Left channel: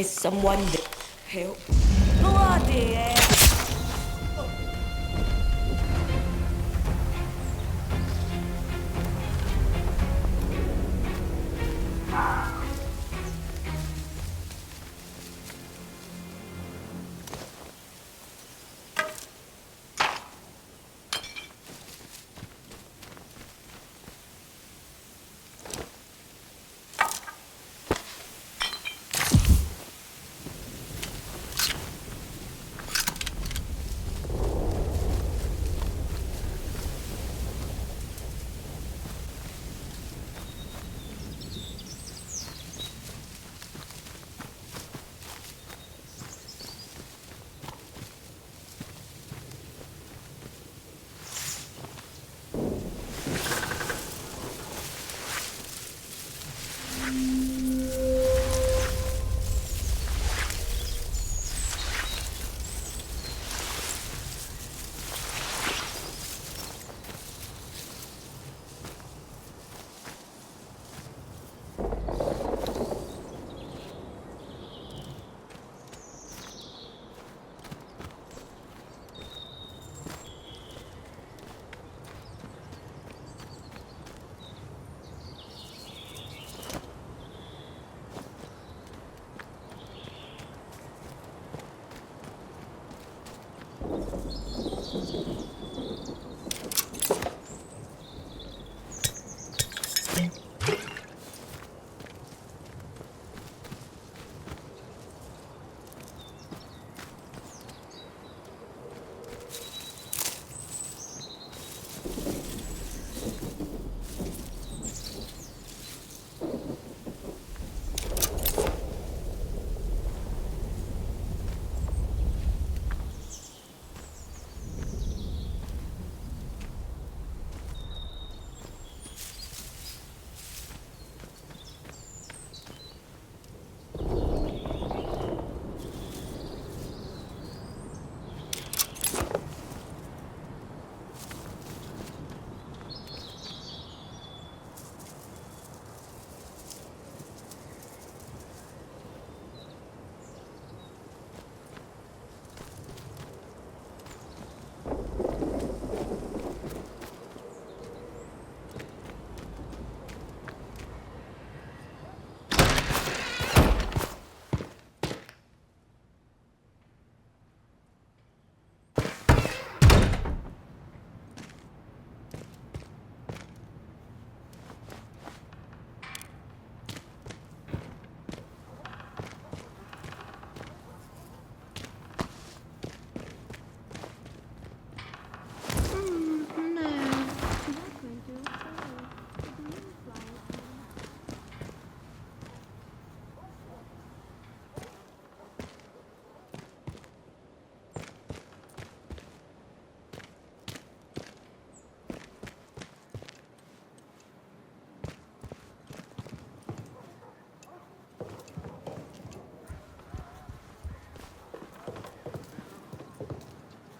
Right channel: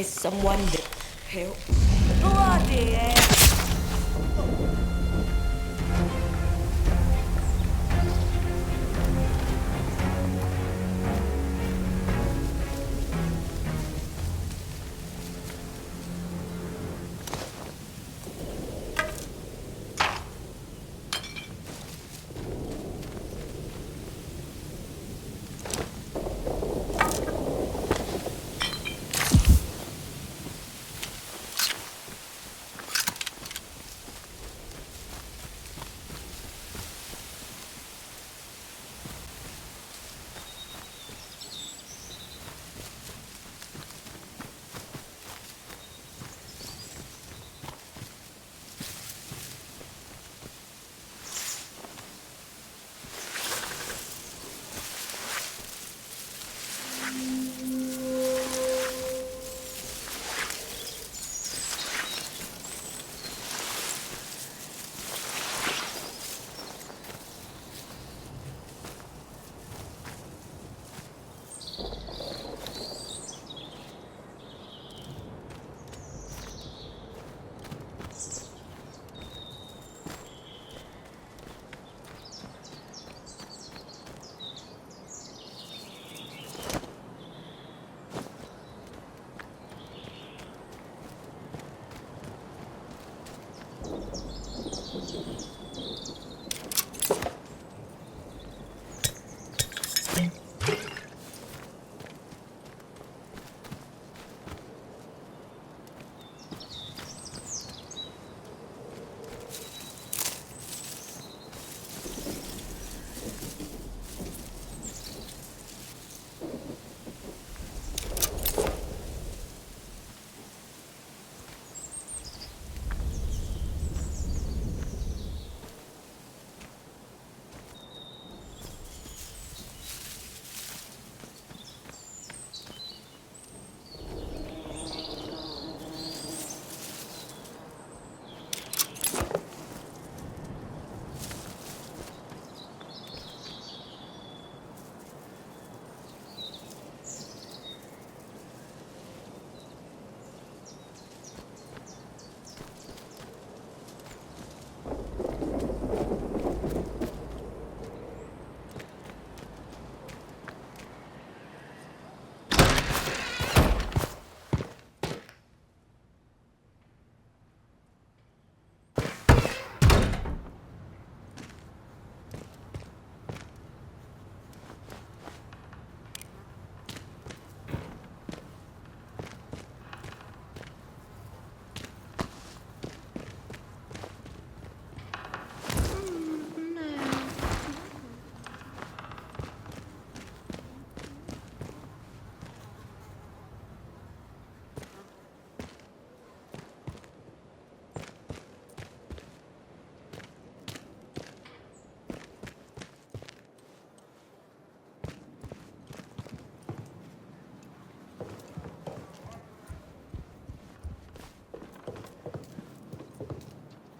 Is someone there? Help. Bloody hell!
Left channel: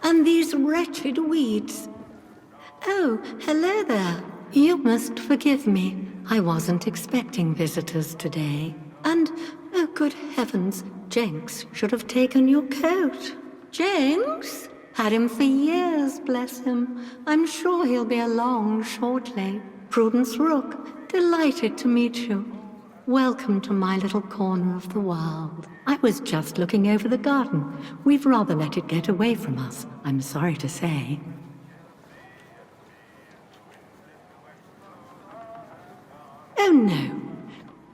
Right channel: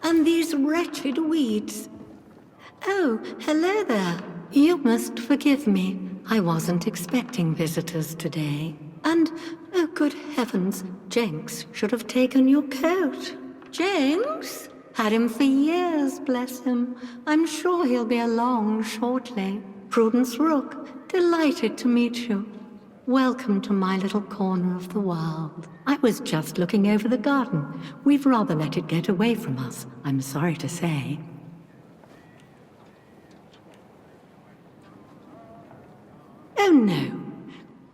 And these wretched weeds. Oh, hello there. You must forgive me. I wasn't expecting visitors today. And, oh good heavens, Jenks should have taken your coat. Jenks? Had him for years, bless him. I'm sure he'll be along shortly. Prudence Rook, delighted to meet you. Welcome to my little corner of the world. I was just looking over the garden. We've rather let it get away from us, I'm sorry to say. Oh no.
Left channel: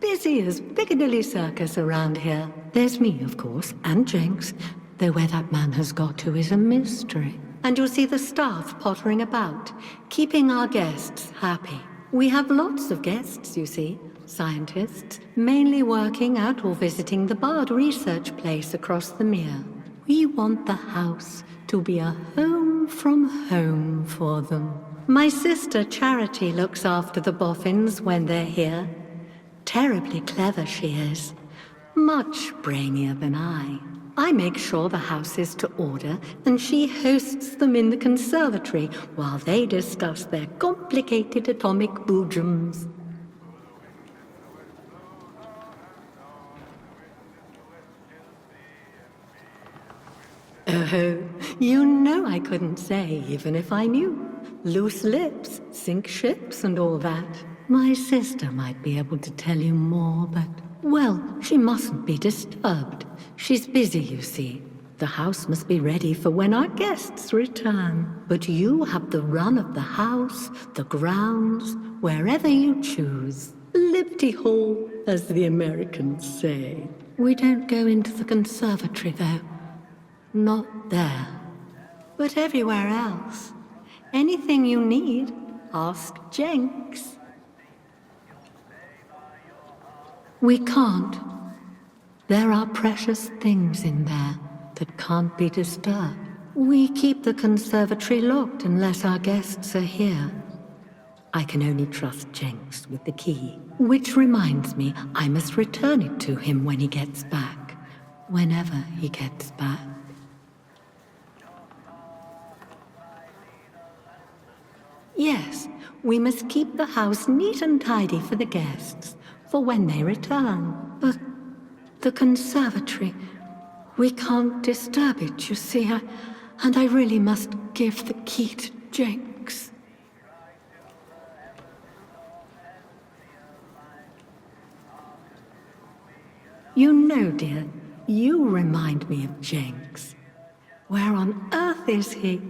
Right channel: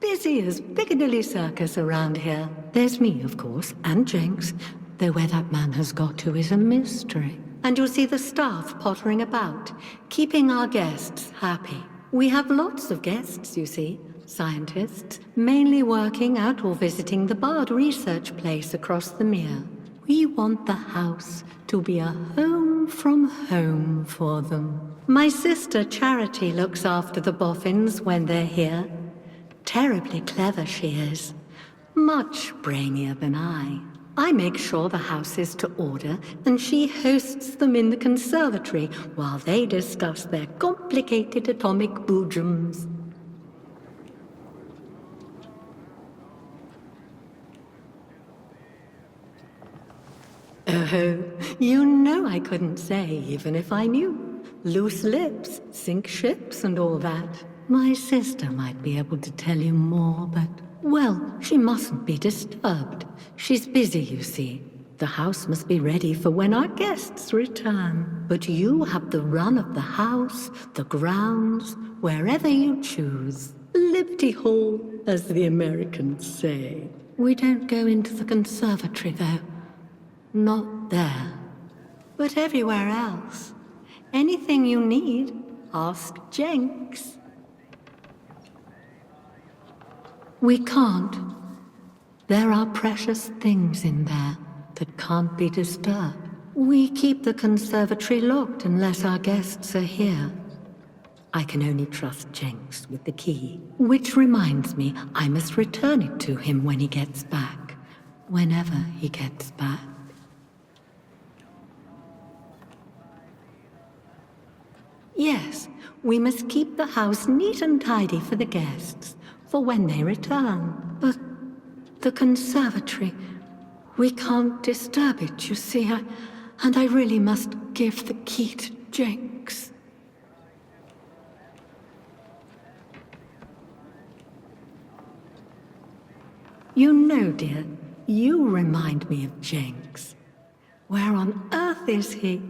Busy as Piccadilly Circus around here. There's me, of course, and Jenks, though where that man has got to is a mystery. And you'll see the staff pottering about, keeping our guests happy. We have lots of guests, you see. Scientists, mainly working out or visiting the Bard research place across the mere. We want the house to be a home from home for them. My sister Charity looks after the boffins when they're here. Terribly clever she is. Much brainier than I. I make sure the house is to order, and she hosts them in the conservatory while they discuss their complicated atomic boojums. Oh, you know I couldn't say, even if I knew. Loose lips, sink ships, and all that. My sister might be able to tell you more, but, well, she mustn't be disturbed. She's busy, you see. The house must be ready for when our guests return. But you have the run of the house, the grounds, wherever you choose. Liberty Hall, as the Americans say. We don't go into the conservatory, though. Not there. But everywhere else. Anything you need, ask Jenks. We can't. There are precious things in there that can't be disturbed. We keep the conservatory locked unless our guests are here. I can only trust Jenks with the key. Which reminds me, I must return it to him when he gets back. Whenever he gets back. Yes, we must keep the house neat and tidy for the guests, for when they return. But the conservatory, we can't disturb it, you see, and I really must give the key to Jenks. You know, dear, you remind me of Jenks. Where on earth is he?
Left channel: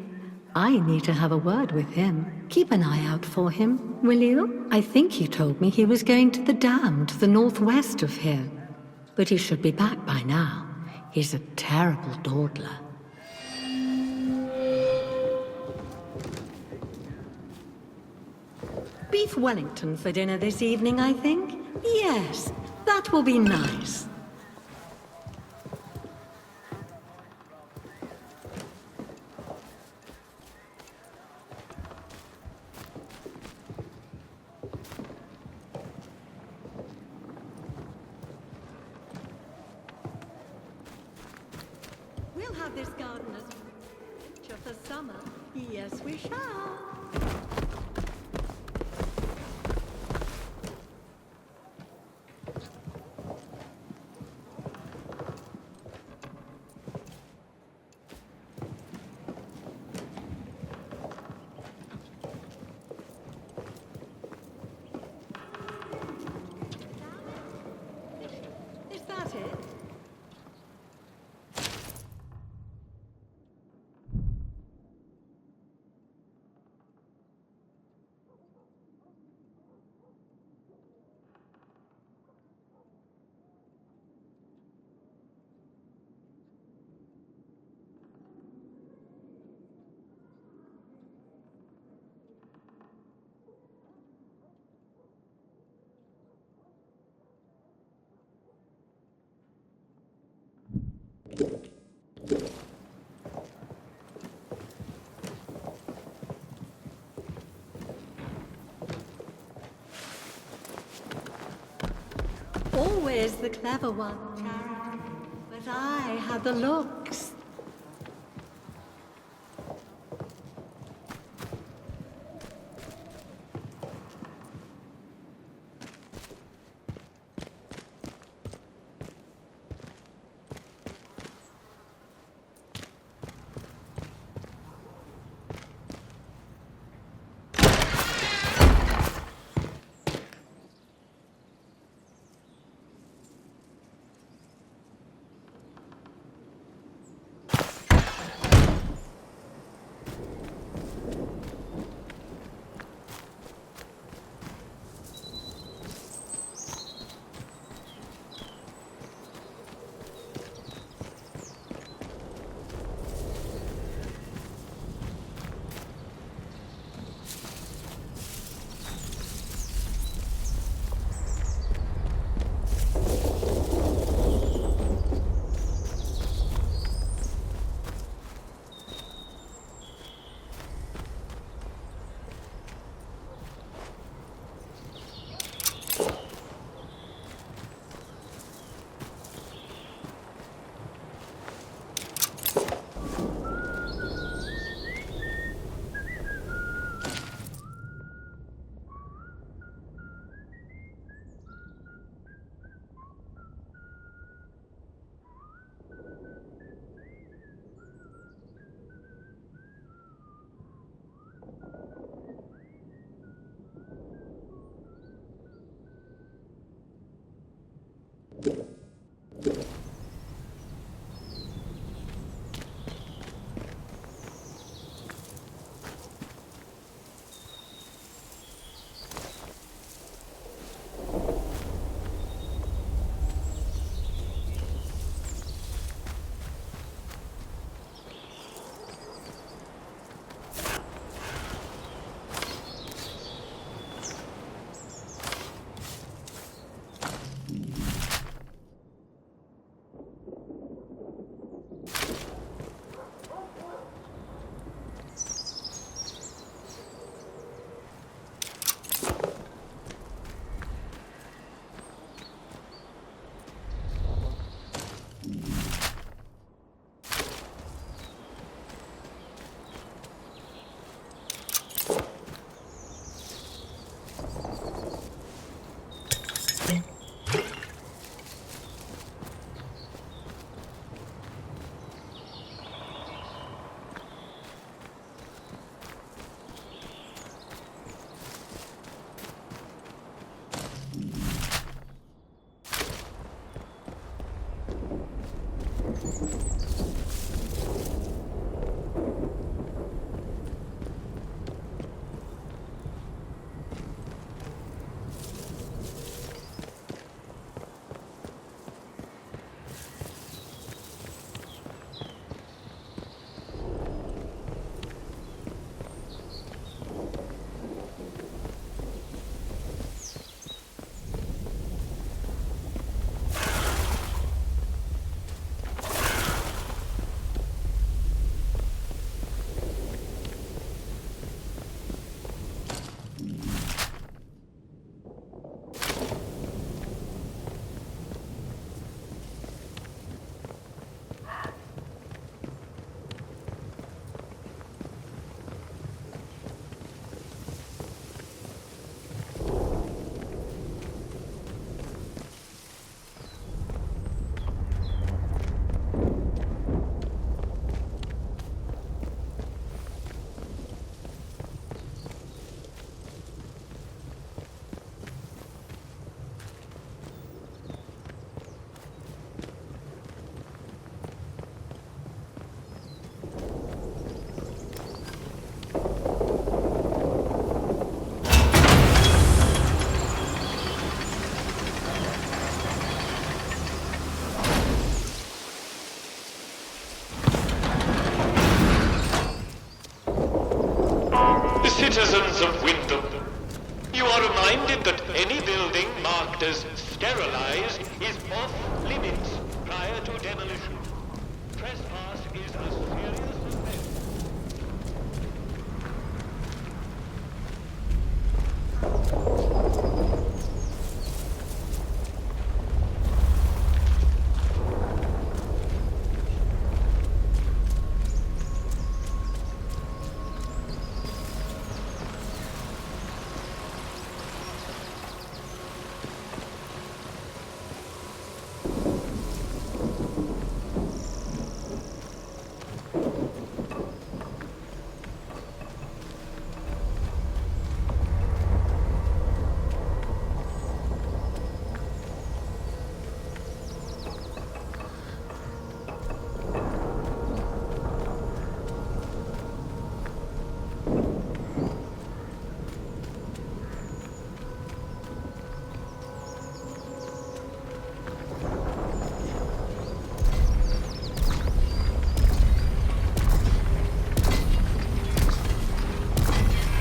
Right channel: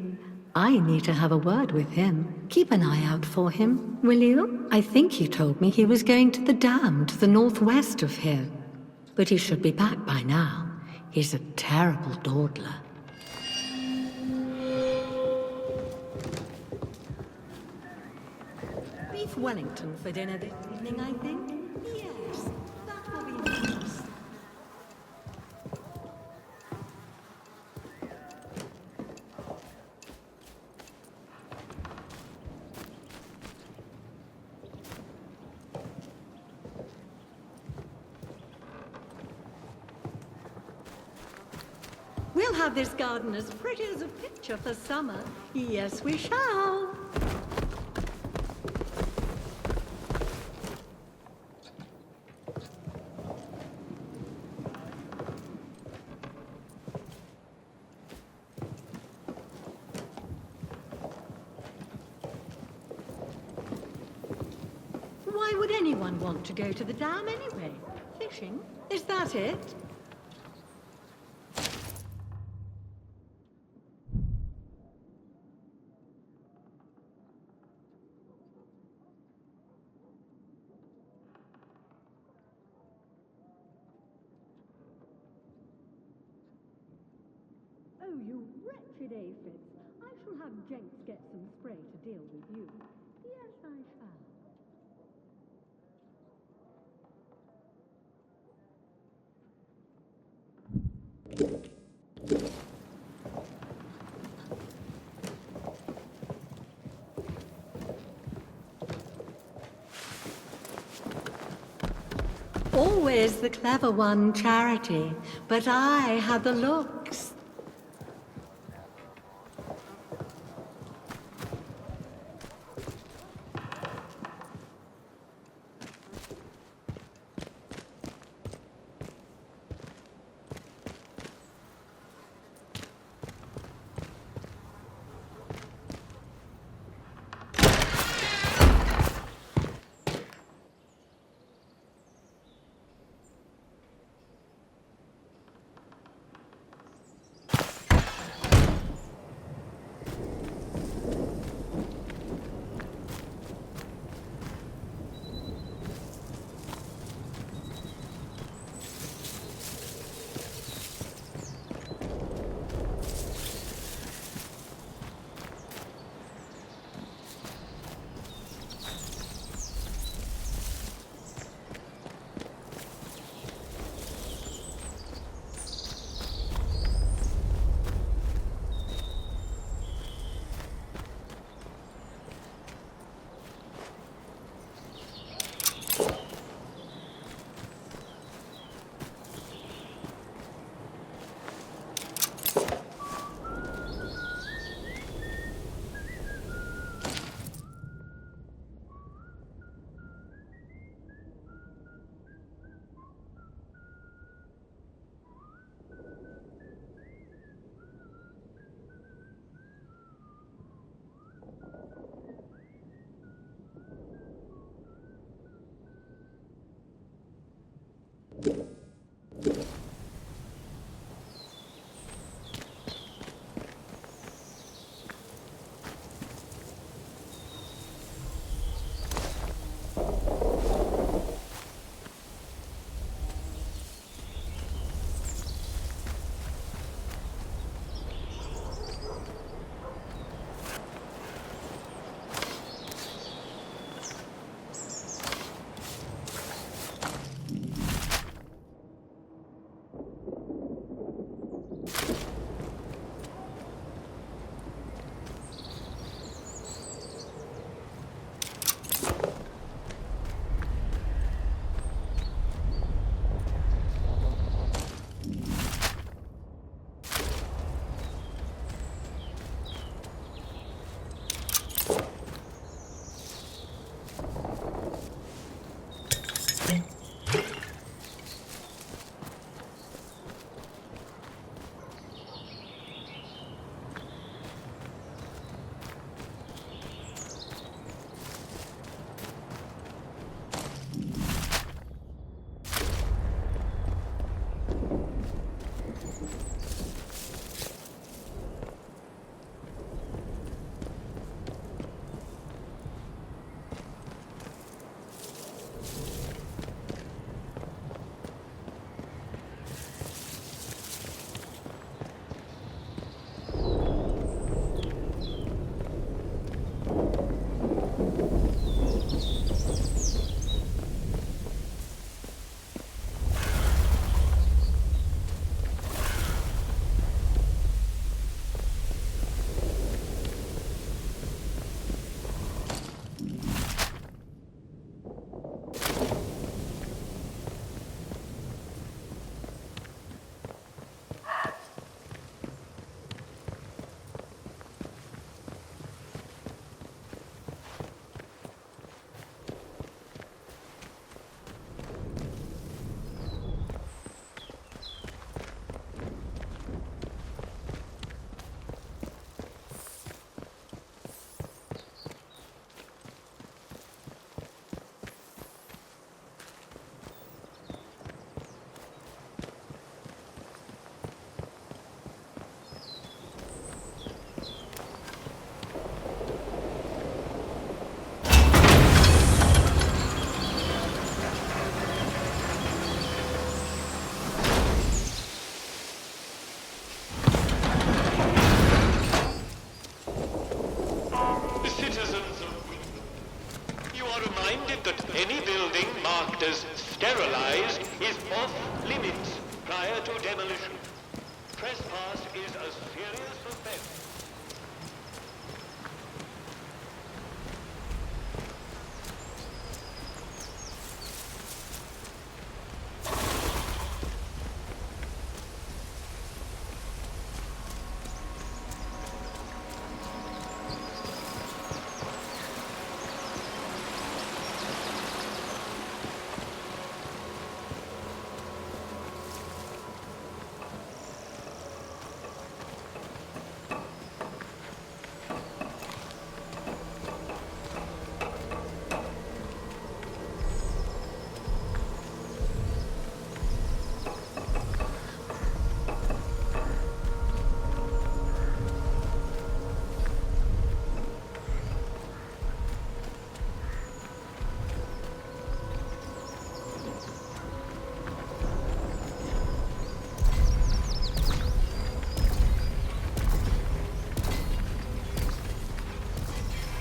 I need to have a word with him. Keep an eye out for him, will you? I think he told me he was going to the dam to the northwest of here. But he should be back by now. He's a terrible dawdler. Beef Wellington for dinner this evening, I think. Yes, that will be nice. We'll have this garden as pretty as a picture for summer. Yes, we shall. Why would anyone want to go to the dam anyway? Fishing? Is that it? Oh, you wretched aphids. I shall have Jenks get some spray to deal with you. Yes, I shall. Always the clever one, Charity. But I had the looks. Citizens of Wyndham, you are reminded that any building marked as sterilized is off limits prior to demolition. Trespass is a serious offense.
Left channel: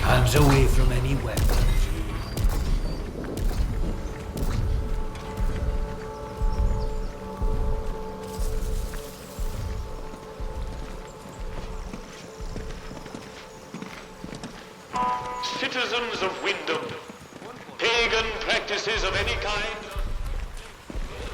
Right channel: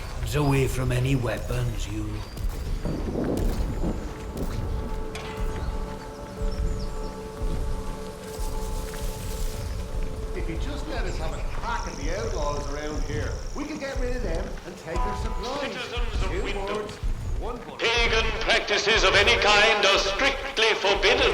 Hands away from any weapons, you. If you just let us have a crack at the outlaws around here, we can get rid of them and take us. Citizens of Wyndham, pagan practices of any kind are strictly forbidden.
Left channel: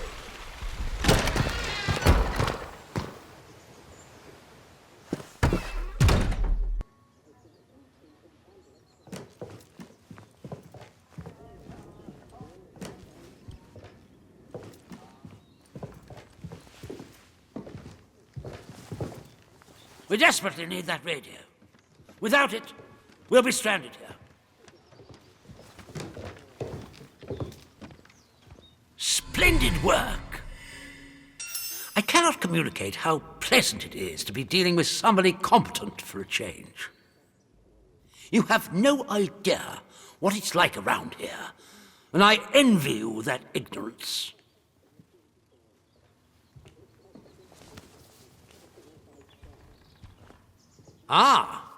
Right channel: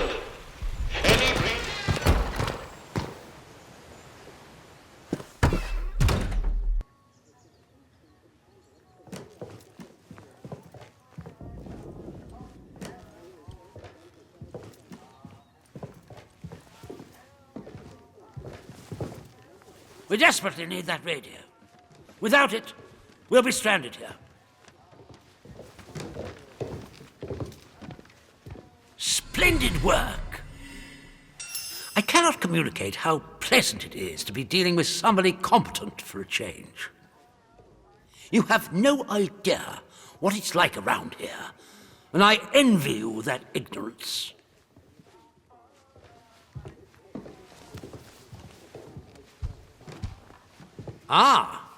We desperately need that radio. Without it, we'll be stranded here. Splendid work! I cannot communicate how pleasant it is to be dealing with somebody competent for a change. You have no idea what it's like around here, and I envy you that ignorance. Ah,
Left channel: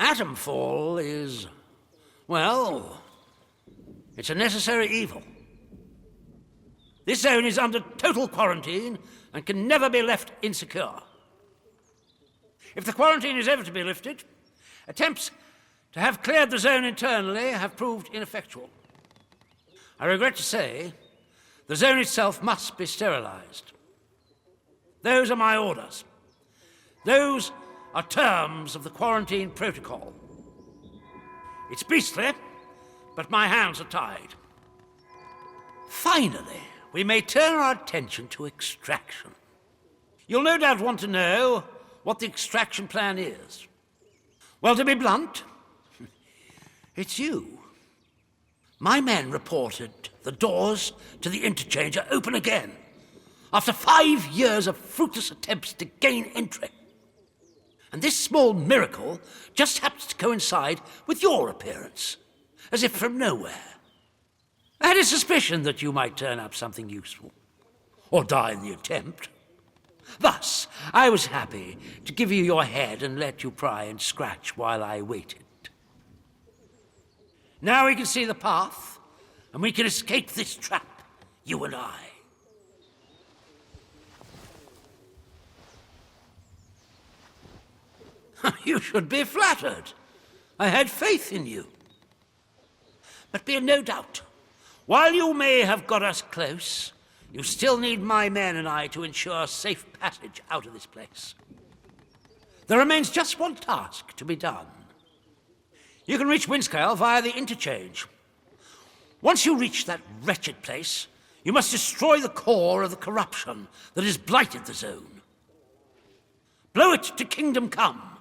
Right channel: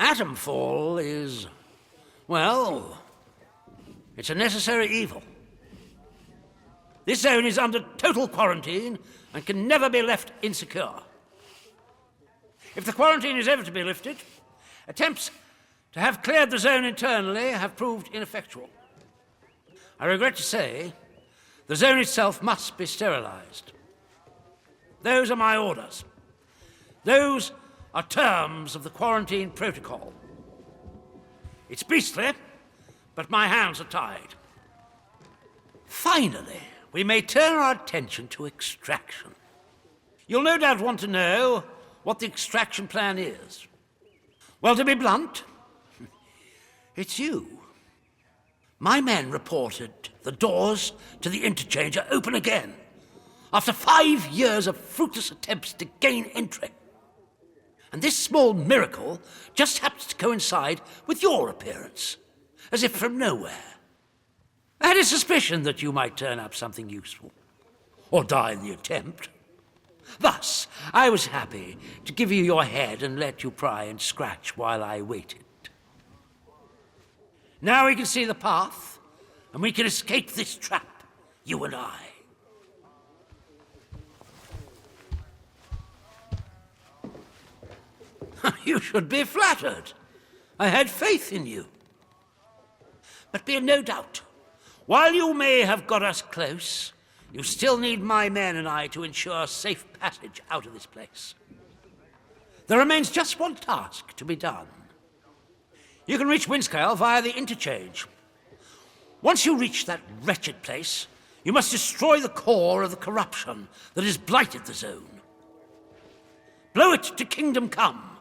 Atomfall is, well, it's a necessary evil. This zone is under total quarantine and can never be left insecure. If the quarantine is ever to be lifted, attempts to have cleared the zone internally have proved ineffectual. I regret to say, the zone itself must be sterilized. Those are my orders. Those are terms of the quarantine protocol. It's beastly, but my hands are tied. Finally, we may turn our attention to extraction. You'll no doubt want to know what the extraction plan is. Well, to be blunt, it's you. My men reported the doors to the interchange are open again, after 5 years of fruitless attempts to gain entry. And this small miracle just happens to coincide with your appearance, as if from nowhere. I had a suspicion that you might turn up something useful, or die in the attempt. Thus, I was happy to give you your head and let you pry and scratch while I waited. Now we can see the path, and we can escape this trap, you and I. You should be flattered. I had faith in you. But be in no doubt, while you may have got us close, you still need my men and I to ensure safe passage out of this place. There remains just one task to be done. You can reach Windscale via the interchange. Once you reach that wretched place, you must destroy the core of the corruption that has blighted the zone. Blow it to kingdom come.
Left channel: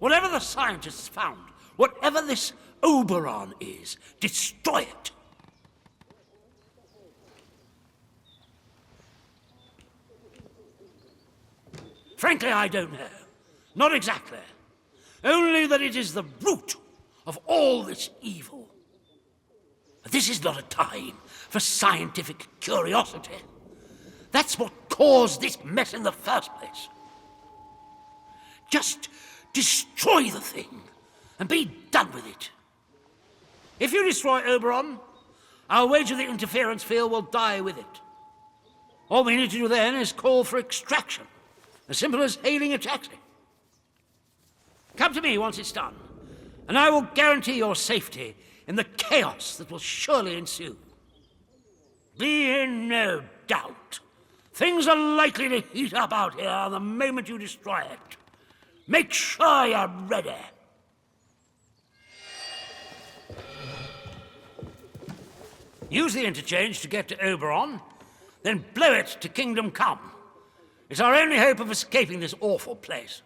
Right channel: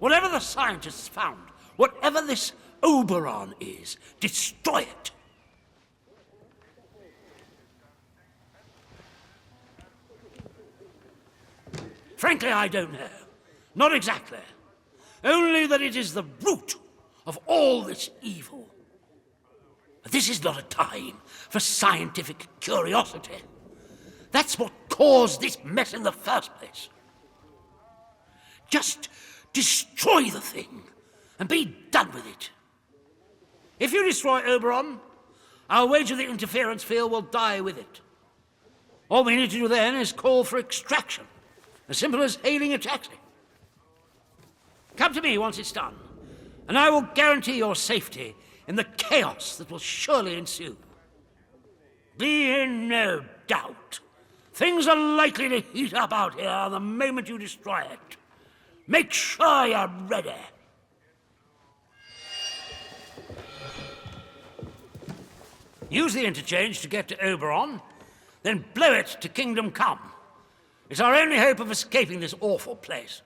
Whatever the scientists found, whatever this Oberon is, destroy it. Frankly, I don't know. Not exactly. Only that it is the root of all this evil. But this is not a time for scientific curiosity. That's what caused this mess in the first place. Just destroy the thing, and be done with it. If you destroy Oberon, I'll wager the interference field will die with it. All we need to do then is call for extraction, as simple as hailing a taxi. Come to me once it's done, and I will guarantee your safety in the chaos that will surely ensue. Be in no doubt. Things are likely to heat up out here the moment you destroy it. Make sure you're ready. Use the interchange to get to Oberon, then blow it to Kingdom Come. It's our only hope of escaping this awful place.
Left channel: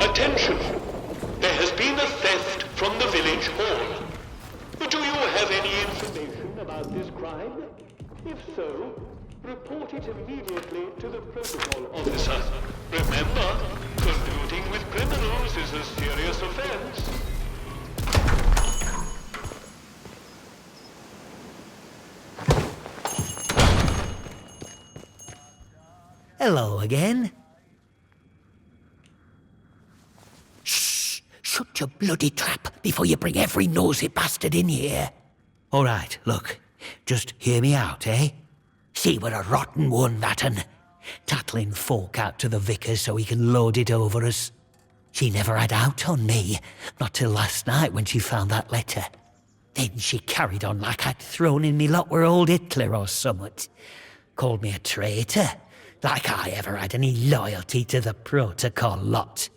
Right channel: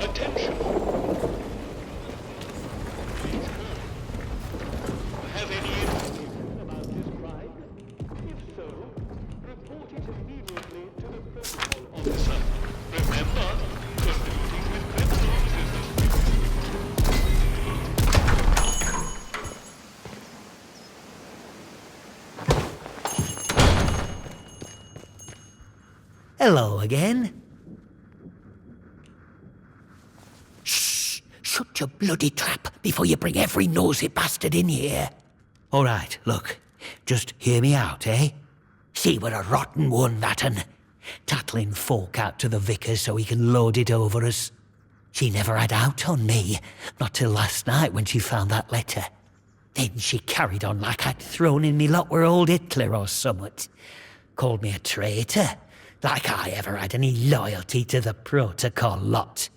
Attention! There has been a theft from the village hall. Do you have any information about this crime? If so, report it immediately to the protocol officer. Remember, colluding with criminals is a serious offense. Hello again. Shh! Shut your bloody trap before you bring every nosy bastard in here. All right, look. Just hear me out, eh? She were a rotten one, that un. Tattling folk out to the vicar so he can load it over us. She never had out on me, not till last night when she found that letter. Then she carried on like I'd thrown in me lot were old Hitler or summat. Called me a traitor, like I ever had any loyalty to the protocol lot.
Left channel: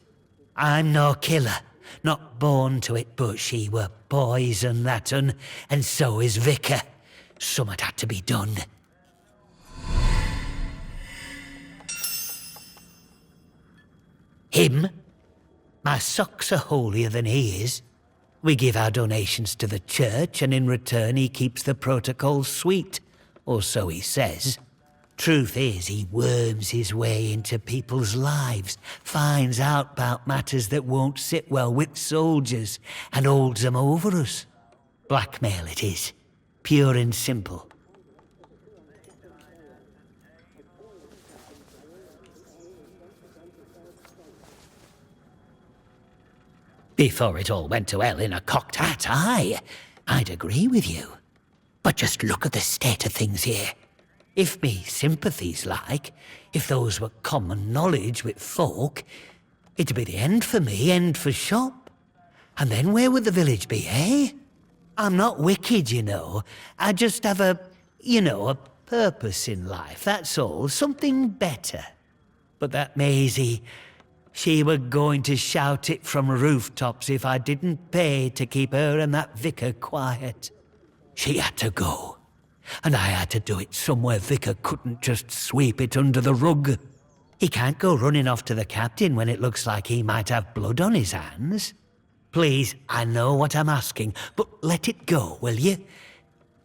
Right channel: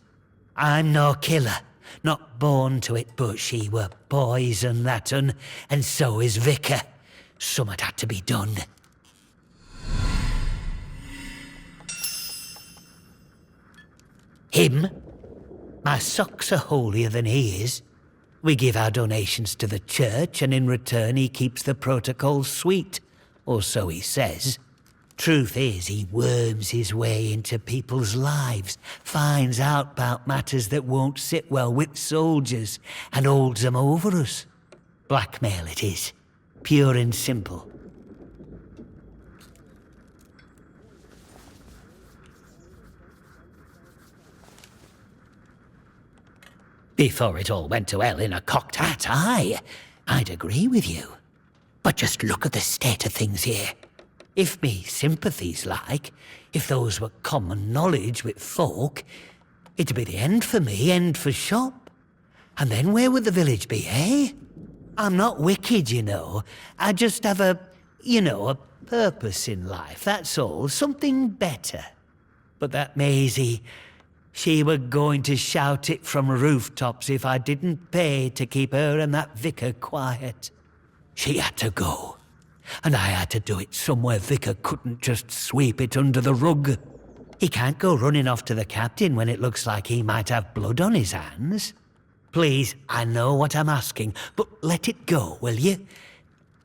I'm no killer, not born to it, but she were poison, that un, and so is Vicar. Summat had to be done. Him? My socks are holier than he is. We give our donations to the church, and in return he keeps the protocol sweet, or so he says. Truth is, he worms his way into people's lives, finds out about matters that won't sit well with soldiers, and holds them over us. Blackmail it is, pure and simple. Before it all went to hell in a cocked hat, I'd agree with you. But just look at the state of things here. If me sympathies like, if those were common knowledge with folk, it'd be the end for me, end for shop. And then where would the village be, eh? I'm not wicked, you know. I just have a purpose in life, that's all. Something better. But that Maisie, she were going to shout it from rooftops if I didn't pay to keep her and that vicar quiet. She had to go. And I had to do it somewhere Vicar couldn't just sweep it under the rug. He can't go running off to the captain when it looks like he might have blood on his hands. Please, I know what I'm asking, but let it go, will you?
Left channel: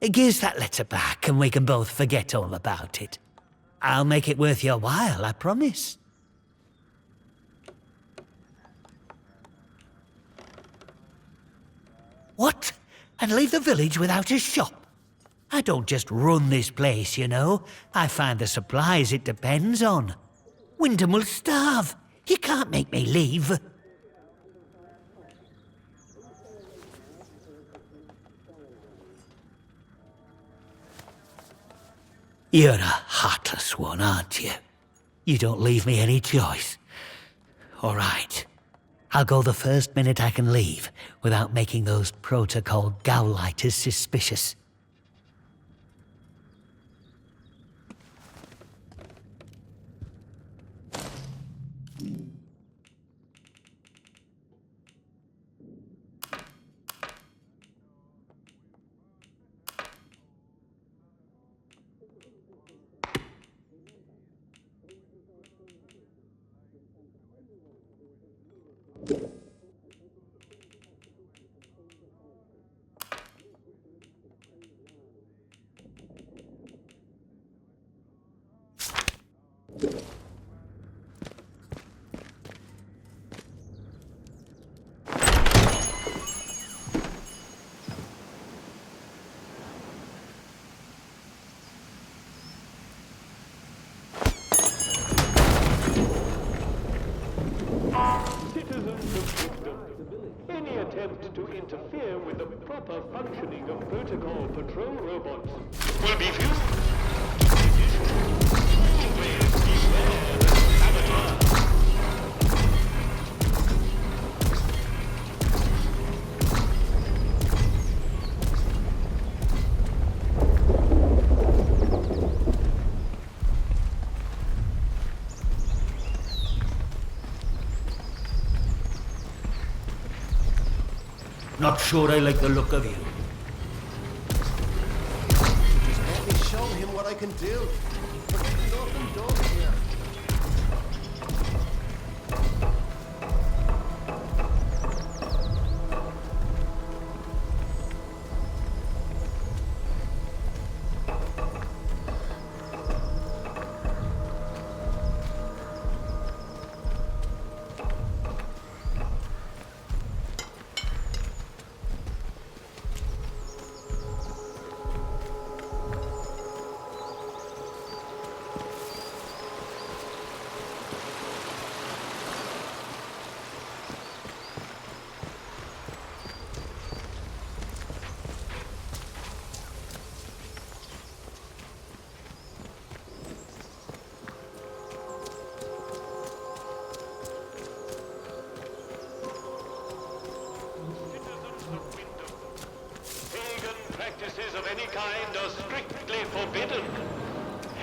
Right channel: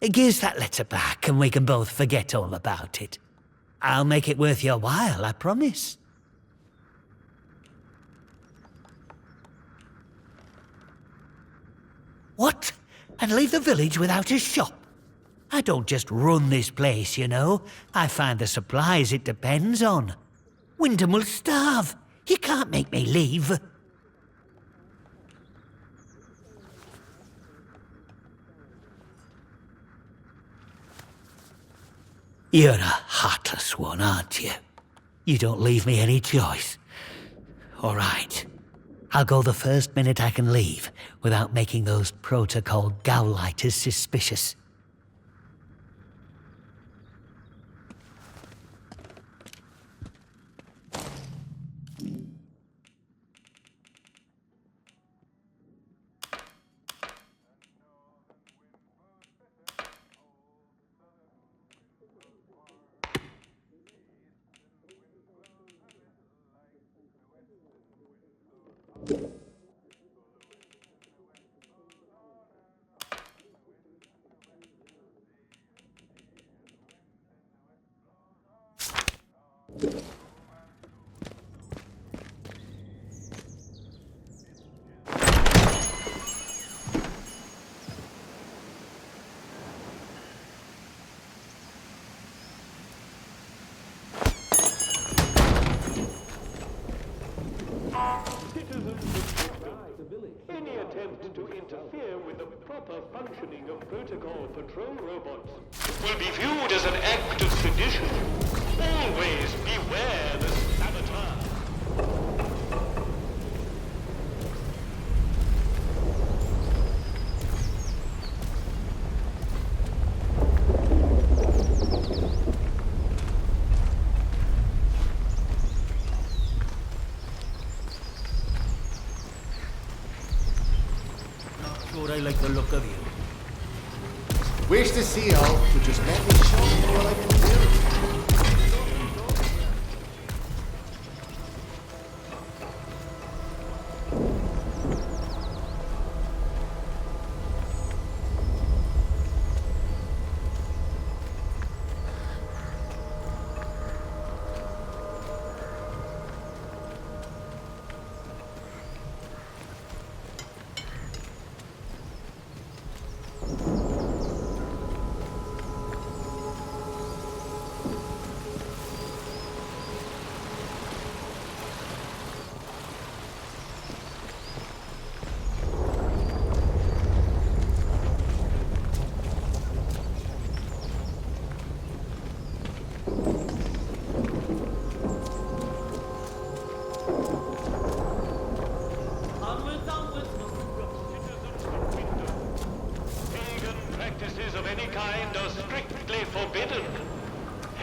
Give us that letter back and we can both forget all about it. I'll make it worth your while, I promise. What? And leave the village without a shop? I don't just run this place, you know. I find the supplies it depends on. Wyndham will starve. You can't make me leave. You're a heartless one, aren't you? You don't leave me any choice. All right. I'll go the first minute I can leave, without making those protocol gowlighters suspicious. Any attempt to interfere with the proper functioning of protocol patrol robots will be viewed as an act of sedition. Always beware the saboteur. Not sure I like the look of you. Wish to see all, but just let me show him what I can do. Nothing done here. Practices of any kind are strictly forbidden.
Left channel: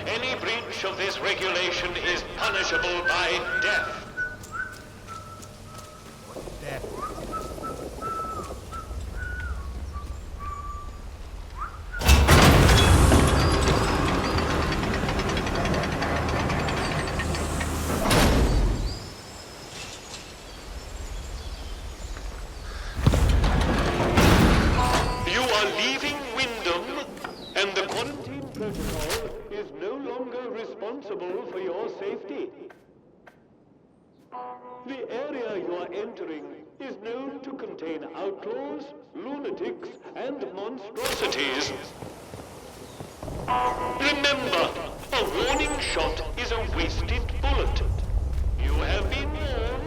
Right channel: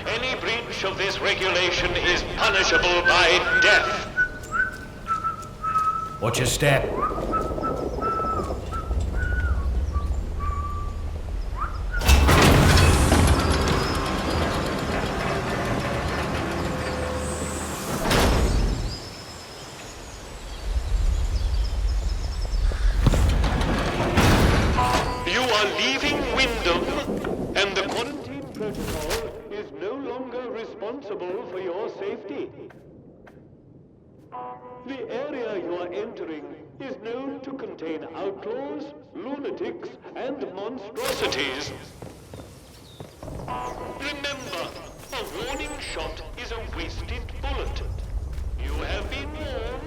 Any breach of this regulation is punishable by death. Watch your step. Leaving Wyndham, and the quarantine protocol is no longer responsible for your safety. The area you are entering is known to contain outlaws, lunatics, and monstrosities. Remember, a warning shot is a wasted bullet. You have been warned.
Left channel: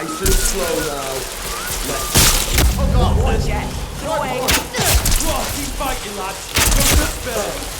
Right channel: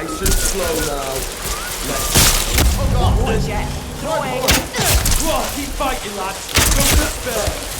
Nice and slow now. Oh god! Watch it. Throw it. Whoa, keep fighting, lads. Go to spare.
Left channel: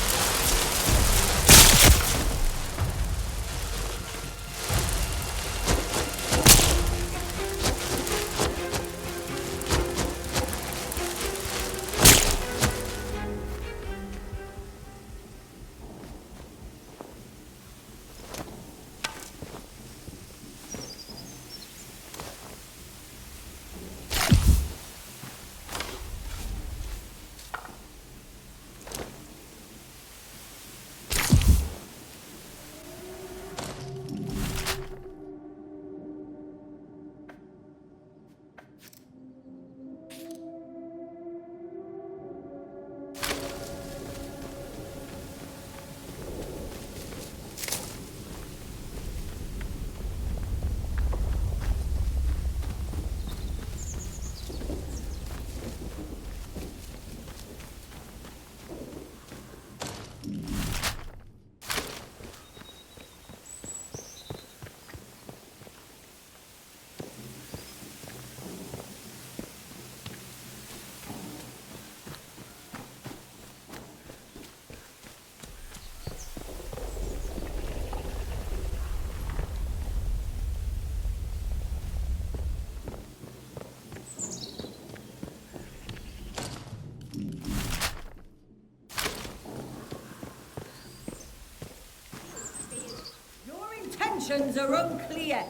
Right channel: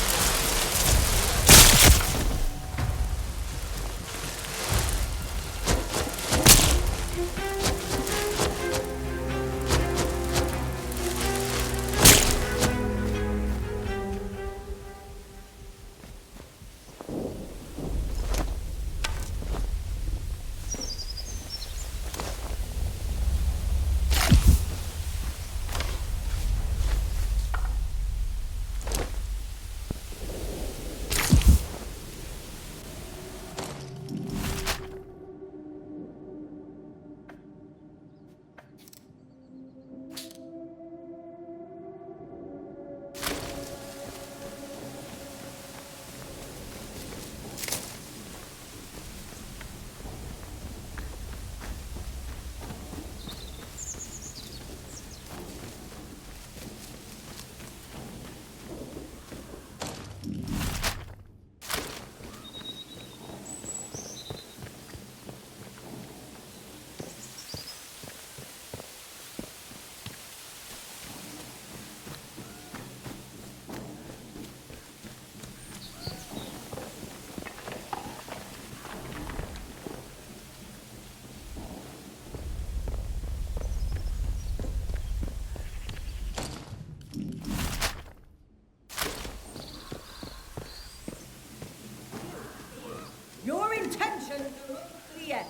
Your intentions are unclear.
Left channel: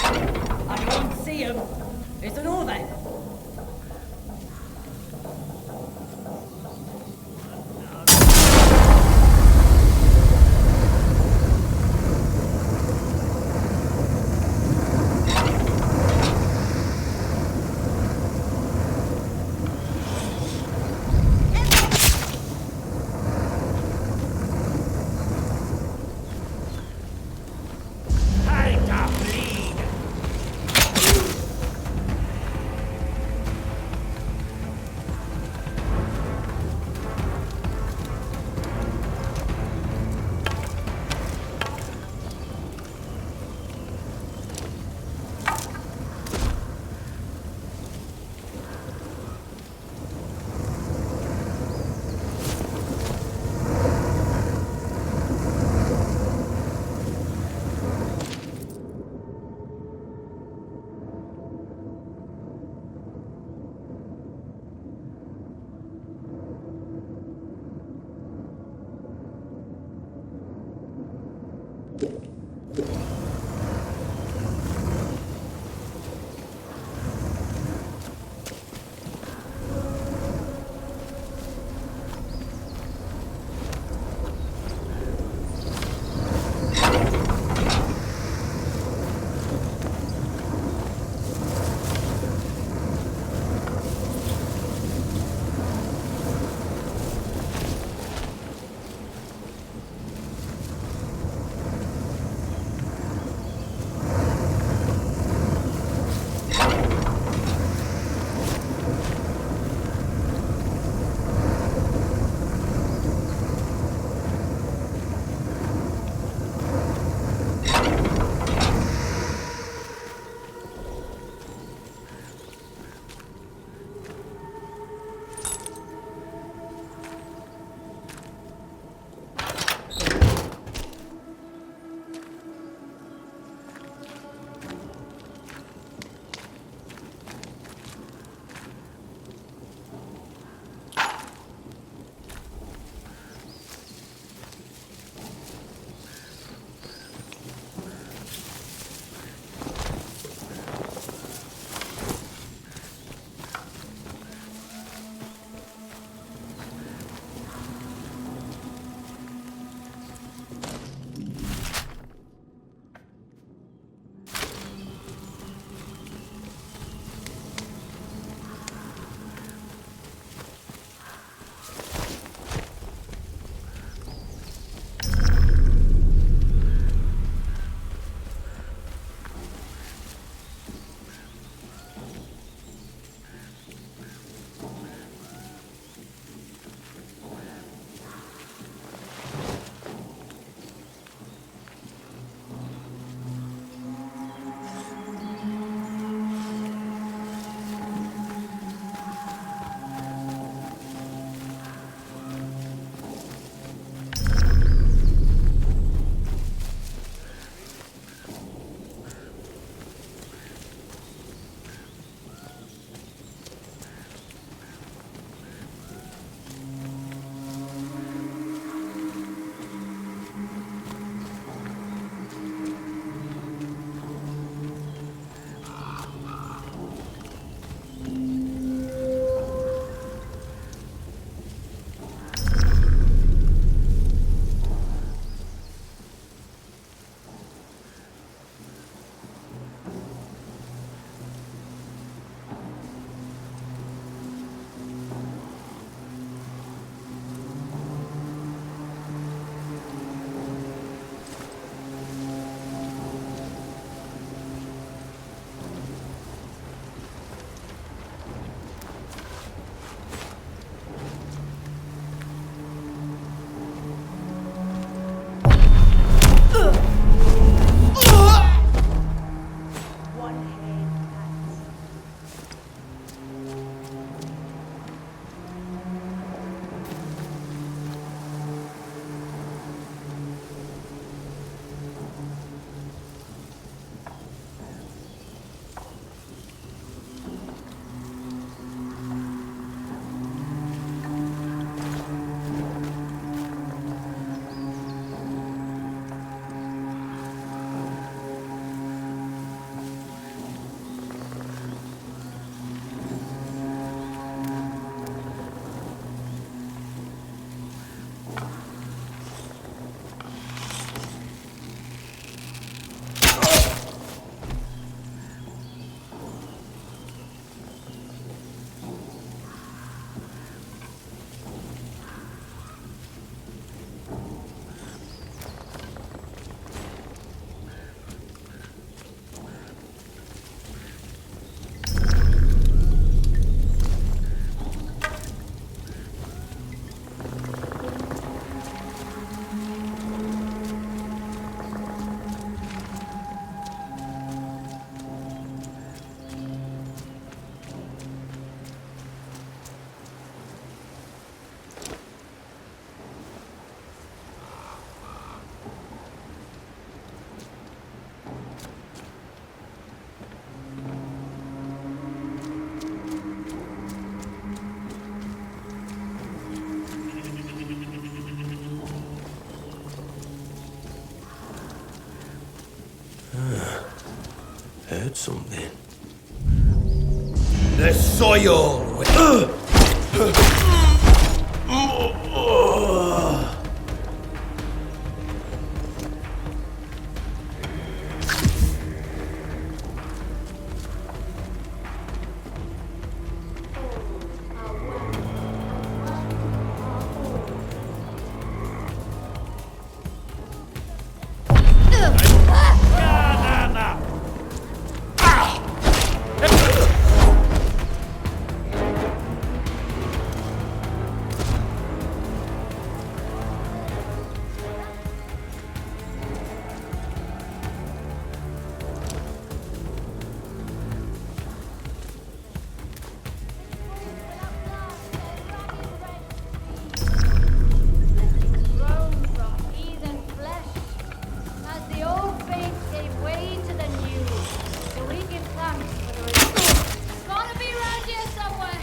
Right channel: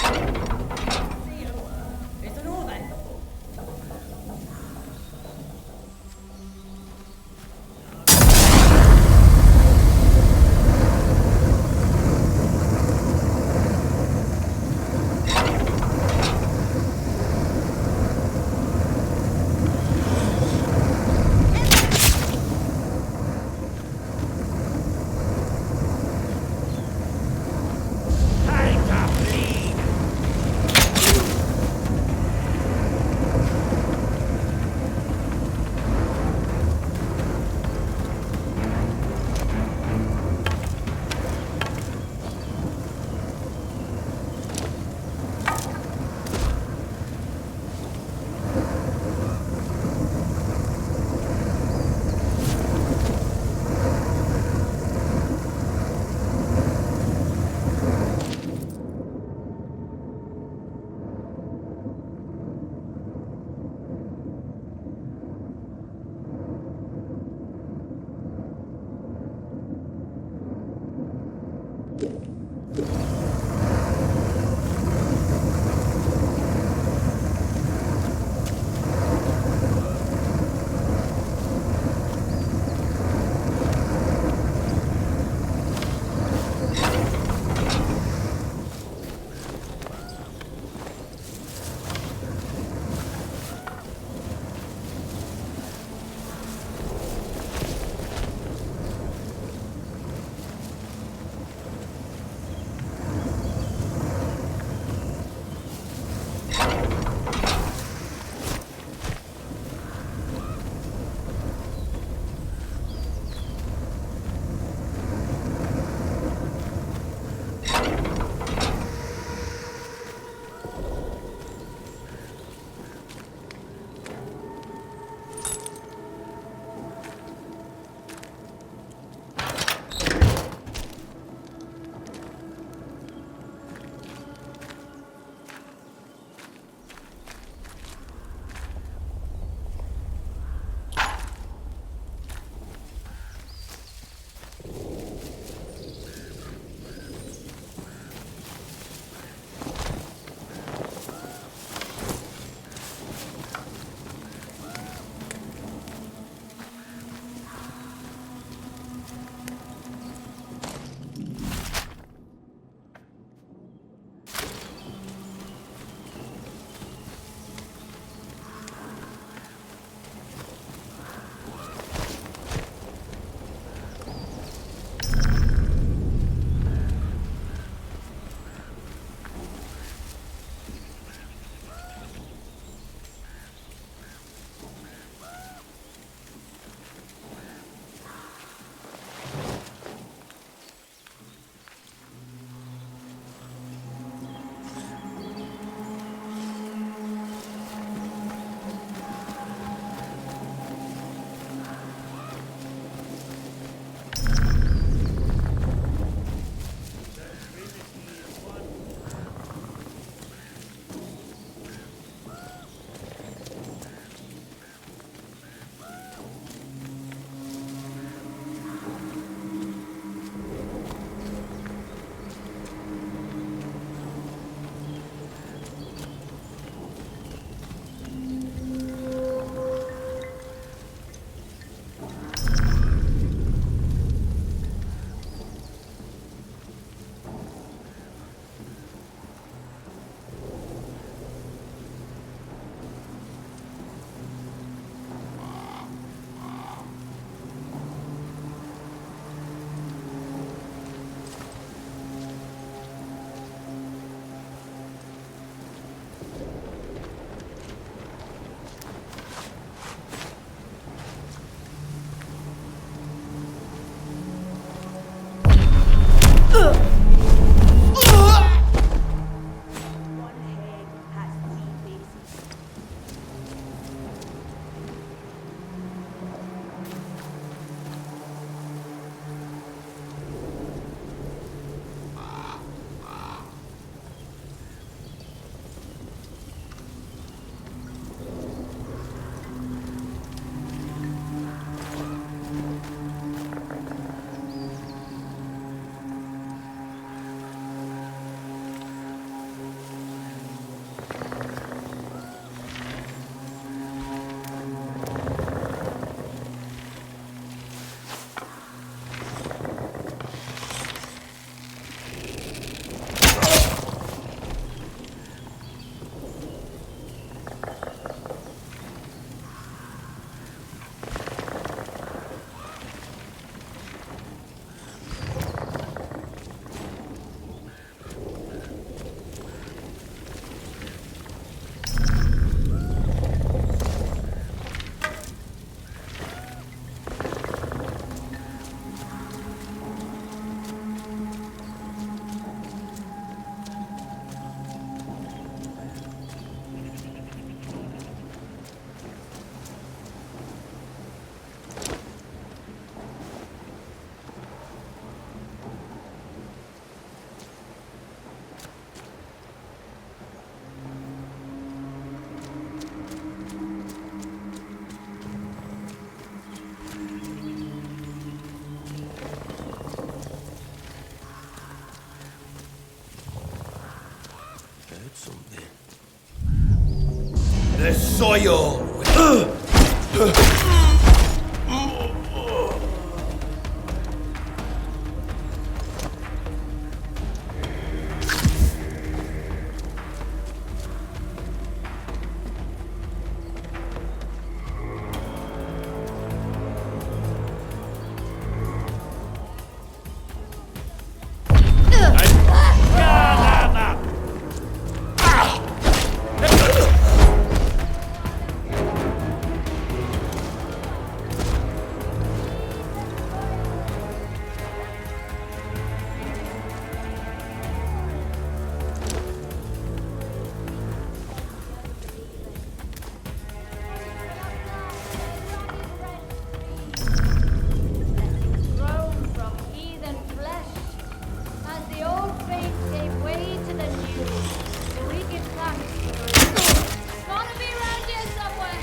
I can't see him. It's an all then. discovered something. The soil. Grown from heathen flesh, as the old faith gave way to the new. So we give thanks for the renewal. It's gotta be around here somewhere.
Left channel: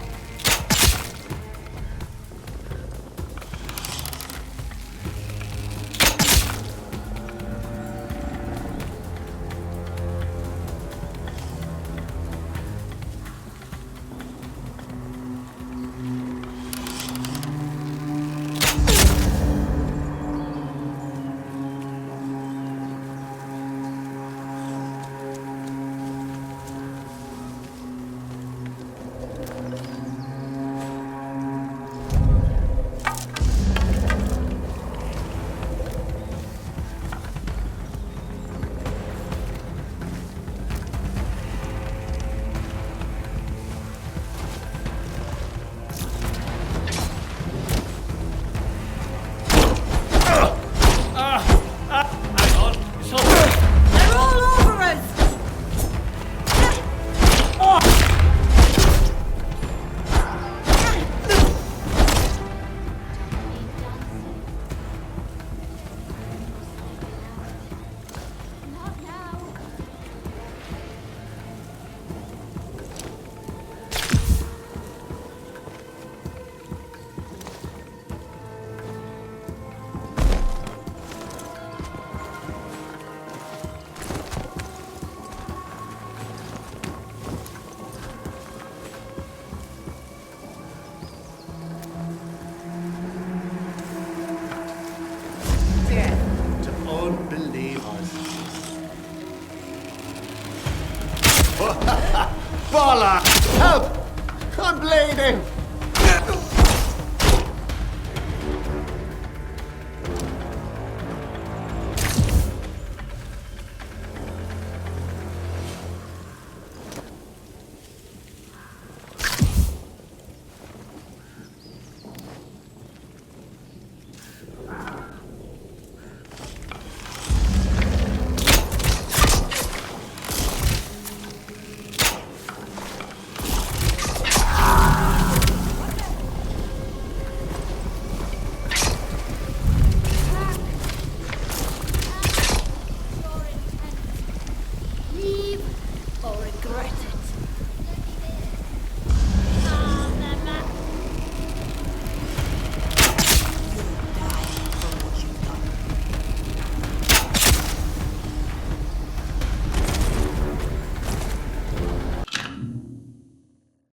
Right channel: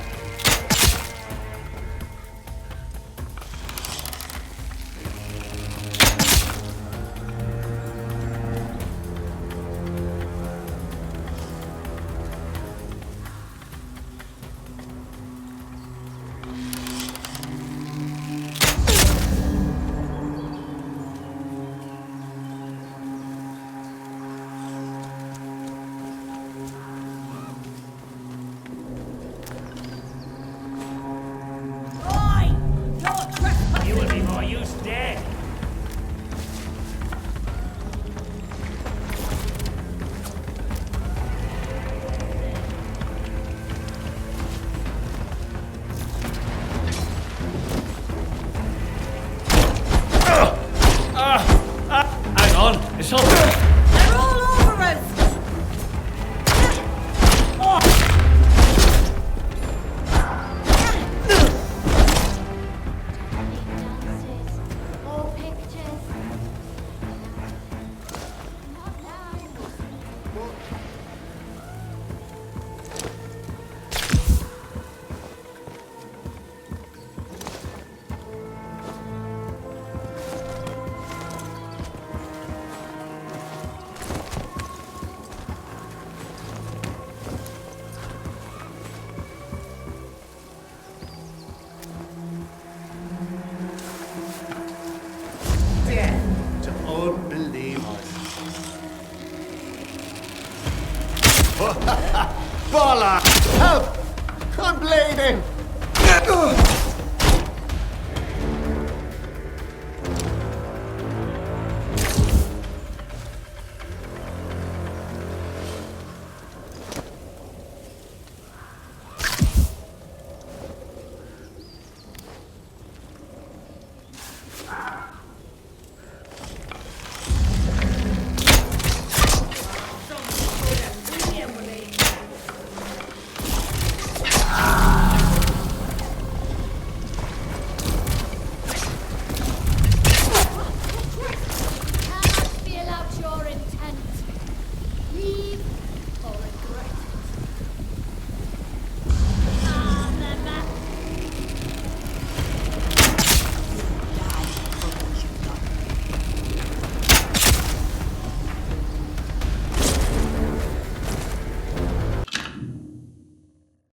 Hang on, it's all. They're all over us! Need dances or pictures. Not now. Death to unbelievers. Bollocks! Help! I'm bleeding!